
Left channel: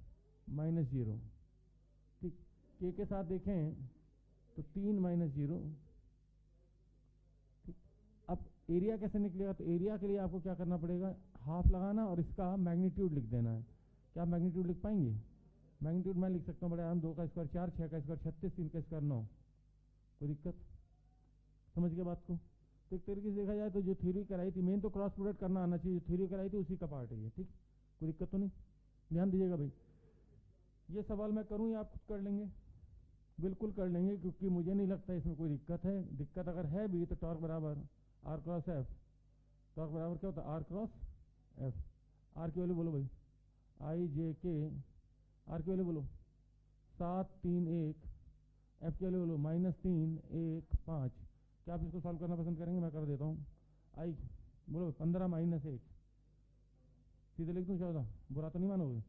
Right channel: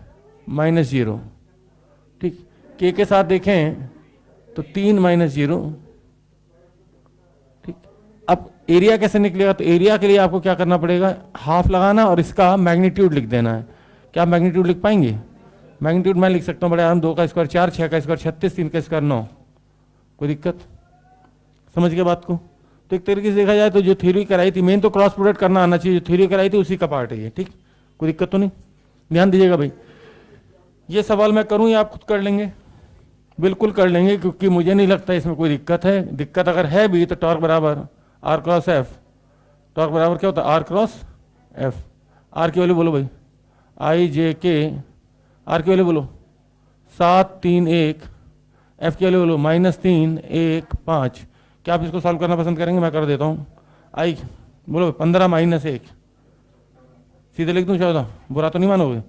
-0, ठीक। के साथ देखें तो 3 -0, ठीक। अब एरिया कैसे निकलेगा, तो एरिया के लिए आपको क्या करना पड़ेगा, हाफ लगाना और इसका मैग्नीट्यूड लिख देना है। क्या आप मैग्नीट्यूड लिख पाएंगे? मैग्नीट्यूड मैं लिख सकता हूँ बड़े आराम, 2 का स्क्वायर 4, 6 का स्क्वायर 36, 3 का स्क्वायर 9, कोई दिक्कत? समझ गए बात को? तो एक तरीके से देखा जाए तो जो थ्योरी कराई थी, मेन तो क्रॉस प्रोडक्ट करना आना चाहिए, जो थ्योरी कराई थी उसी का पार्ट है ये, ठीक। कोई दिक्कत तो नहीं? ध्यान दीजिएगा भाई, ये सवाल मैं करूँ या आप खुद कर लेंगे? बिल्कुल कर लेंगे, क्योंकि मुझे नहीं लगता इसमें कोई दिक्कत है। दिक्कत अगर है भी तो टॉर्क बराबर R क्रॉस F, टॉर्क बराबर क्या होता है, R क्रॉस F। R की वैल्यू बोलो भाई, IJK, R की वैल्यू बोलो 7 3 1 एफ की वैल्यू बोलो -3 1 5। क्या आप इसको सॉल्व करना पसंद करेंगे? मैं कर देता हूँ। आई बोलो 15 -1, सीधे लिख दूँ 14, बुरा तो नहीं मानोगे?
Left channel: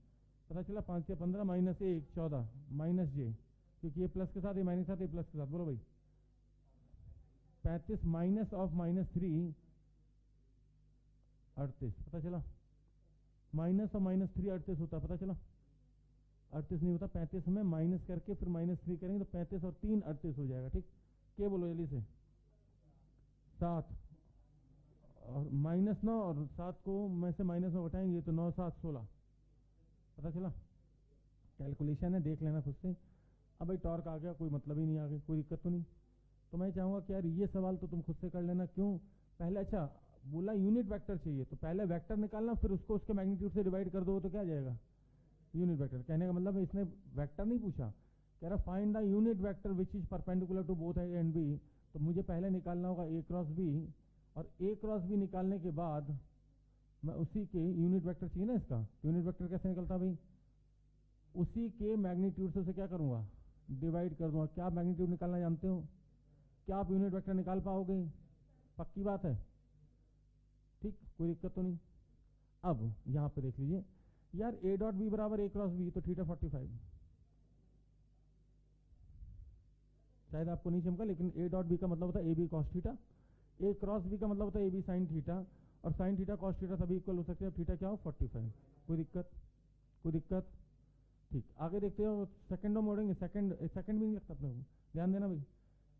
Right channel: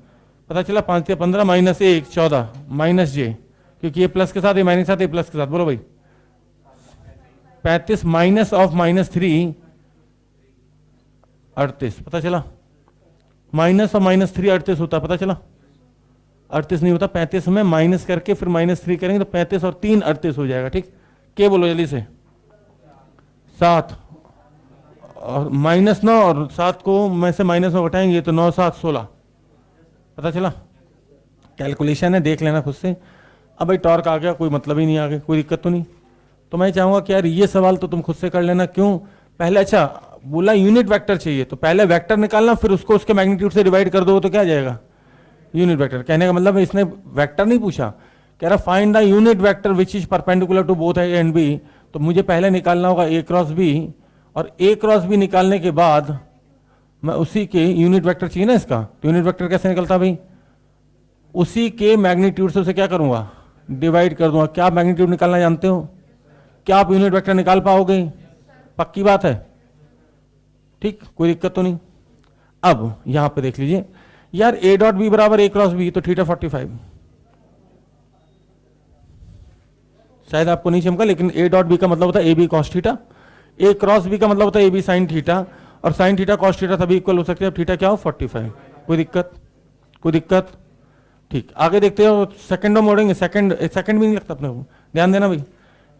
पता चला 5 या 15 -1 14 माइनस जे, क्योंकि ये प्लस के साथ ये माइनस के साथ ये प्लस के साथ। बोलो भाई 35 माइनस ऑफ -3 38। पता चला? माइनस और -3 38 होता, पता चला? 38 नहीं होता, 35 में माइनस करके फिर -3 करेंगे तो 35 और 3 38 हो जाएगा। ठीक, के बोलो जल्दी से? 7 और -9 और 7 को में से -9 घटाएंगे तो 9 7 16। पता चला? कैलकुलेशन है, देख लेना खुद से। अब भाई टॉर्क आ गया, कोई मतलब ही नहीं, आगे कोई दिक्कत तो नहीं। तो मैं चाहूंगा कि यार ये सवाल तो तुम खुद से कर लेना। क्यों? पहले अच्छा बोला यूनिट वेक्टर चाहिए, तो पहले वेक्टर निकालना, फिर उसको उसके मैग्नीट्यूड से डिवाइड कर दो तो क्या आ जाएगा? Unit vector. कहने का मतलब इसने वेक्टर नहीं पूछा, कह रहा find the unit vector which is perpendicular to both A and B. तो मुझे पहले निकालना होगा ए क्रॉस बी, और ए क्रॉस बी निकालने के बाद मैं उसी के यूनिट वेक्टर चाहिए ना इसका, तो यूनिट वेक्टर कैसे निकलता भाई? उसी के मैग्नीट्यूड से उसे क्या करूंगा? डिवाइड कर दूंगा। क्या आप मैग्नीट्यूड निकालना जानते हो? क्या आप यूनिट वेक्टर निकाल पाओगे? पक्की बात है? ठीक, कोई दिक्कत तो नहीं। अब यहां पे देख लीजिए यार, ए डॉट बी बराबर ए क्रॉस बी, तो थीटा 45। शायद आपको नहीं चमका, लेकिन ए डॉट बी का मतलब होता है A B cos theta, A cross B का मतलब होता है ए बी साइन थीटा, और साइन थीटा कॉस थीटा सभी इक्वल हो सकते हैं। अब थीटा क्या हो? 45। कोई दिक्कत? कोई दिक्कत? ठीक, आगे देखते हो। सेकंड मोड़ेंगे, सेकंड भी नहीं लगता अपने को, ध्यान देना भाई।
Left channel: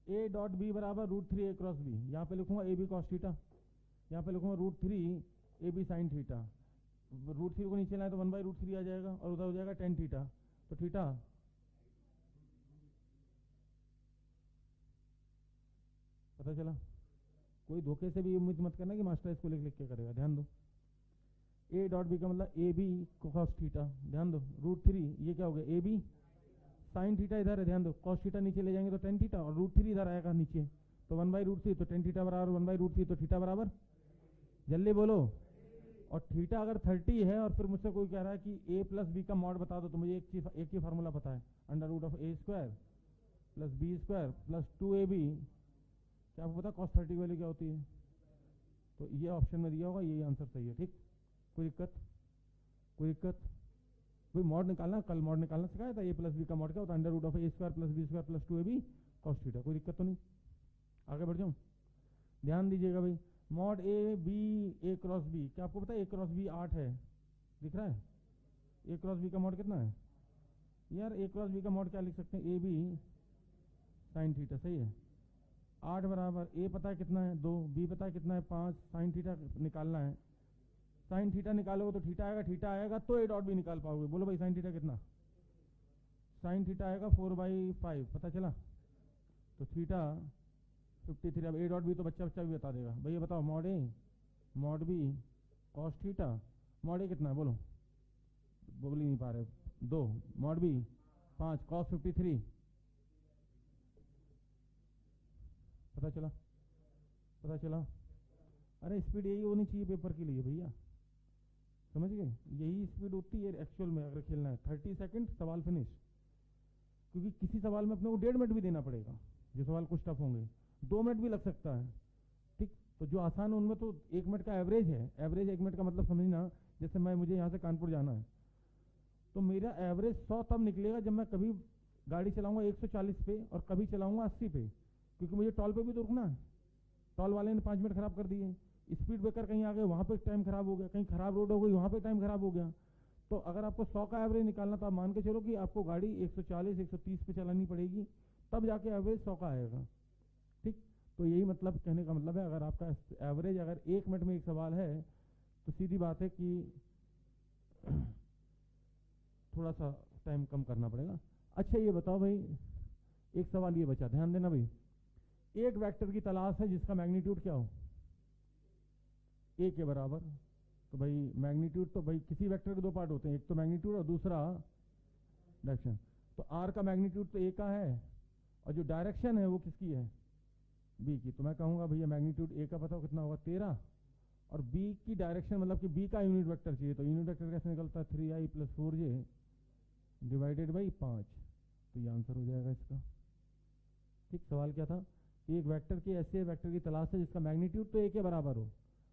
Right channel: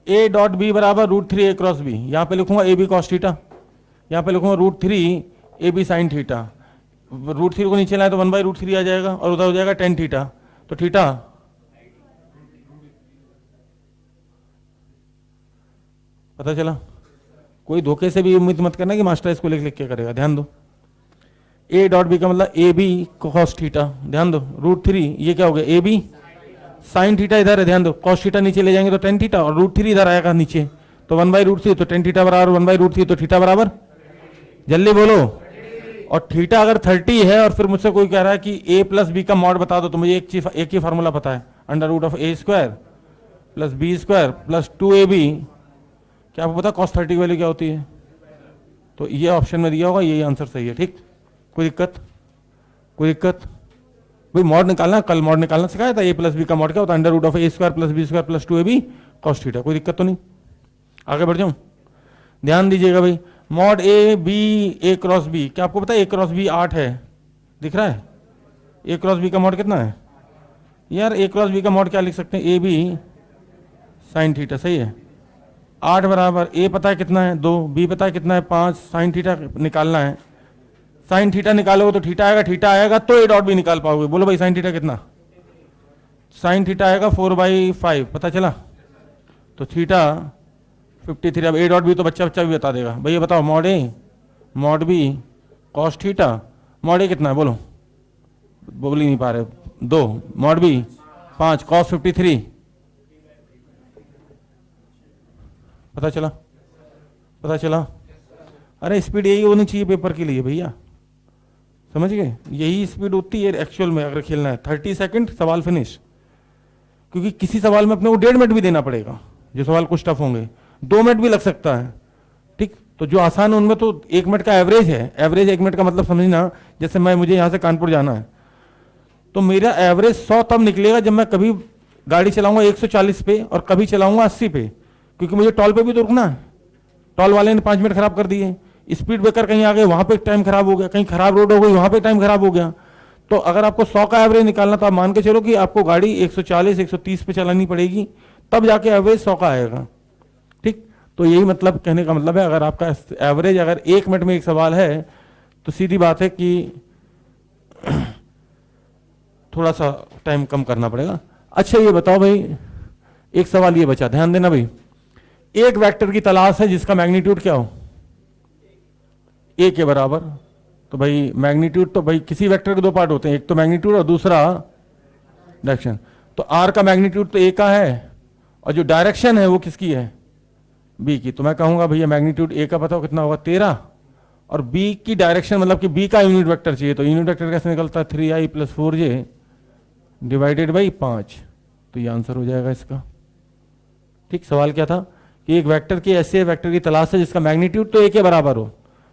ए डॉट बी बराबर √3 ए क्रॉस बी, यहां पे लिखूंगा ए बी कॉस थीटा, यहां पे लिखूंगा √3 ए बी साइन थीटा। √3 को नीचे लाए तो 1/√3 आ जाएगा, और उधर हो जाएगा tan थीटा। तो थीटा पता चला? कोई धोखे से भी उम्मीद मत करना कि मास्टर इसको लिख लिख के करेगा, ध्यान दो। ए डॉट बी का मतलब ए बी कॉस थीटा, ध्यान दो। √3 ये क्या हो गया? ए बी साइन थीटा इधर है, ध्यान दो। कॉस थीटा नीचे ले जाएंगे तो tan थीटा, और √3 इधर आएगा नीचे, तो 1/√3, तो tan थीटा बराबर 1/√3, तो थीटा बराबर, जल्दी बोलो। और थीटा अगर 30 है और फिर मुझसे कोई कह रहा है कि a प्लस बी का मॉड बता दो, तो मुझे एक ही फार्मूला पता है, √(a² + b² + 2ab। क्या आपको पता cos 30 की वैल्यू क्या होती है? तो ये ऑप्शन में दिया होगा, यही आंसर सही है। ठीक, कोई दिक्कत? कोई दिक्कत? भाई मॉड निकालना, कल मॉड निकालना सिखाया था। a प्लस बी का मॉड क्या होता है? √(a² + b² + 2ab cos theta. कोई दिक्कत तो नहीं? आगे बढ़ जाऊं? ध्यान दीजिएगा भाई, mod A B A cross B, क्या आपको पता है ए क्रॉस बी 8 है? दिख रहा है? ए क्रॉस बी का मॉड कितना है यार? ए क्रॉस बी का मॉड क्या लिख सकते हैं? ए बी साइन थीटा, सही है। 8 बराबर ए पता है कितना है? 2, बी पता है कितना है? 5, साइन थीटा निकालना है। साइन थीटा निकालोगे तो थीटा आएगा, थीटा आएगा तो ए डॉट बी निकाल पाओगे। बोलो भाई साइन थीटा कितना? साइन थीटा आएगा 4/5, पता चला? तो थीटा 53। अब ए डॉट बी तो बच्चा भी बता देगा। भैया बताओ, mod a mod b cos theta, mod a कितना है? बोलो, बोल ही नहीं पा रहे। 2, मॉड बी 5, cos 53। पता चला? पता चला? अरे स्पीड यही होनी चाहिए पेपर के लिए भैया, समझ गए? यही स्पीड होती है एक्चुअल में अगर खेलना है। 30 सेकंड सवाल फिनिश, क्योंकि किसी सवाल में अपने को 1.5 मिनट भी देना पड़ेगा, जो सवाल कुछ टफ होंगे 2 मिनट भी लग सकता है। ठीक, तो जो आसान है उनमें तो 1 मिनट का एवरेज है। एवरेज 1 मिनट का मतलब समझना, जैसे मुझे यहाँ से कानपुर जाना है, तो मेरा एवरेज 100 तब निकलेगा जब मैं कभी गाड़ी चलाऊंगा 140 पे और कभी चलाऊंगा 80 पे, क्योंकि मुझे टॉल पे भी तो रुकना है। टॉल वाले ने 5 मिनट खराब कर दिए, स्पीड ब्रेकर कहीं आ गए, वहां पे टाइम खराब हो गया, कहीं खराब रोड हो गई, वहां पे टाइम खराब हो गया। तो अगर आपको 100 का एवरेज निकालना, तो आप मान के चलो कि आपको गाड़ी 140 130 पे चलानी पड़ेगी, तब जाके एवरेज 100 का आएगा। ठीक, तो यही मतलब कहने का मतलब है, अगर आपका एवरेज अगर 1 मिनट में एक सवाल है, तो सीधी बात है कि थोड़ा सा टाइम कम करना पड़ेगा। अच्छा ये बताओ भाई, एक सवाल ये बचा, ध्यान देना भाई। एक वेक्टर की तलाश है जिसका मैग्नीट्यूड क्या हो? ए के बराबर। तो भाई मैग्नीट्यूड तो भाई किसी वेक्टर के 2 पार्ट होते हैं, एक तो मैग्नीट्यूड और दूसरा डायरेक्शन। तो आर का मैग्नीट्यूड तो ए का है, और जो डायरेक्शन है वो किसकी है? बी की। तो मैं कहूंगा भैया मैग्नीट्यूड ए का पता हो कितना होगा? 13, और बी की डायरेक्शन मतलब कि बी का यूनिट वेक्टर चाहिए, तो यूनिट वेक्टर कैसे निकलता है? 3i + 4j / 5। तो ये आंसर हो जाएगा इसका। ठीक, सवाल क्या था कि एक वेक्टर की ऐसे वेक्टर की तलाश है जिसका मैग्नीट्यूड तो ए के बराबर हो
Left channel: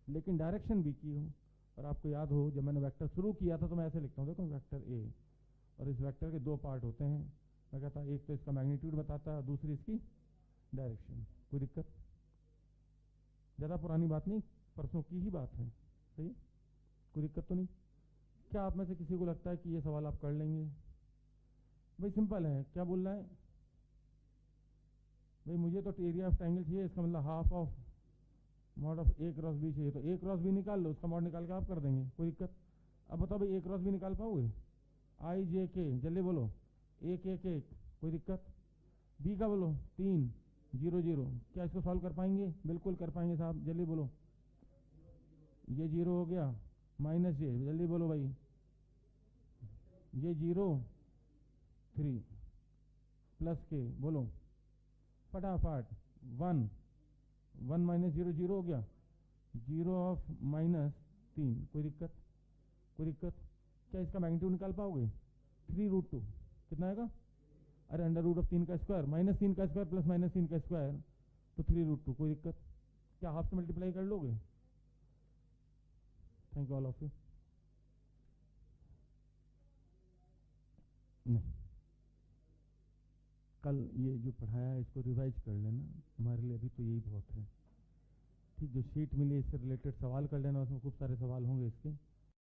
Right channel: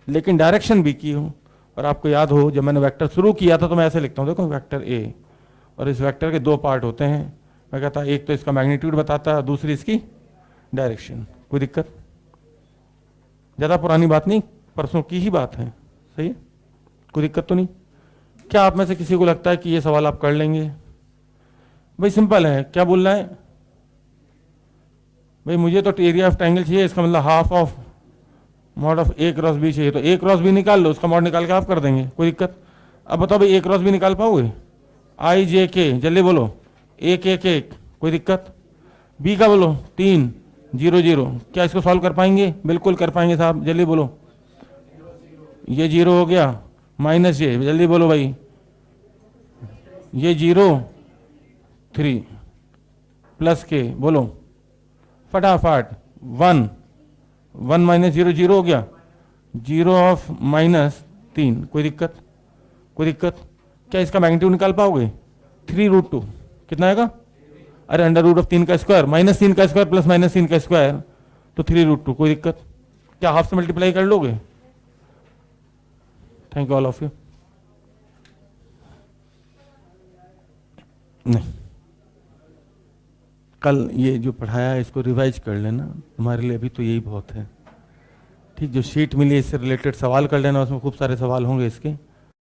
लेकिन डायरेक्शन बी की हो। और आपको याद हो जब मैंने वेक्टर शुरू किया था तो मैं ऐसे लिखता हूँ, देखो वेक्टर ए, और इस वेक्टर के दो पार्ट होते हैं। मैं कहता एक तो इसका मैग्नीट्यूड बताता है, दूसरी इसकी डायरेक्शन। कोई दिक्कत? ज़्यादा पुरानी बात नहीं, परसों की ही बात है, सही है, कोई दिक्कत तो नहीं। क्या आप में से किसी को लगता है कि ये सवाल आप कर लेंगे? भाई सिंपल है, क्या बोल रहा है भाई, मुझे तो एरिया ऑफ ट्रायंगल चाहिए, इसका मतलब half of mod of A cross B चाहिए, तो ए क्रॉस बी निकाल लो, उसका मॉड निकाल के आप कर देंगे, कोई दिक्कत? अब बताओ भाई, ए क्रॉस बी निकाल पाओगे? आई जे के, जल्दी बोलो, एक एक एक, कोई दिक्कत? बी का बोलो 3 0 0, क्या इसको सॉल्व कर पाएंगे? बिल्कुल कर पाएंगे साहब, जल्दी बोलो। ये 0 हो गया, माइनस ये, जल्दी बोलो भाई, ये 0 3 प्लस के, बोलो फटाफट, 1 1 माइनस 0 0 हो गया, 0 ऑफ -3, कोई दिक्कत? कोई दिक्कत? क्या इसका मैग्नीट्यूड निकाल पाओगे? 3√2 कितना आएगा? अरे √3 का स्क्वायर माइनस 3 का स्क्वायर प्लस -3 का स्क्वायर, तो 3√2, कोई दिक्कत? क्या हाफ से मल्टीप्लाई कर लोगे? Thank you all of you. नहीं, कल ये जो पढ़ाया है इसको रिवाइज कर लेना, तुम्हारे लिए अभी तो यही बहुत है। ठीक, जो शीट मिली इससे रिलेटेड सवाल कर लेना, उसमें खूब सारे सवाल होंगे इसके।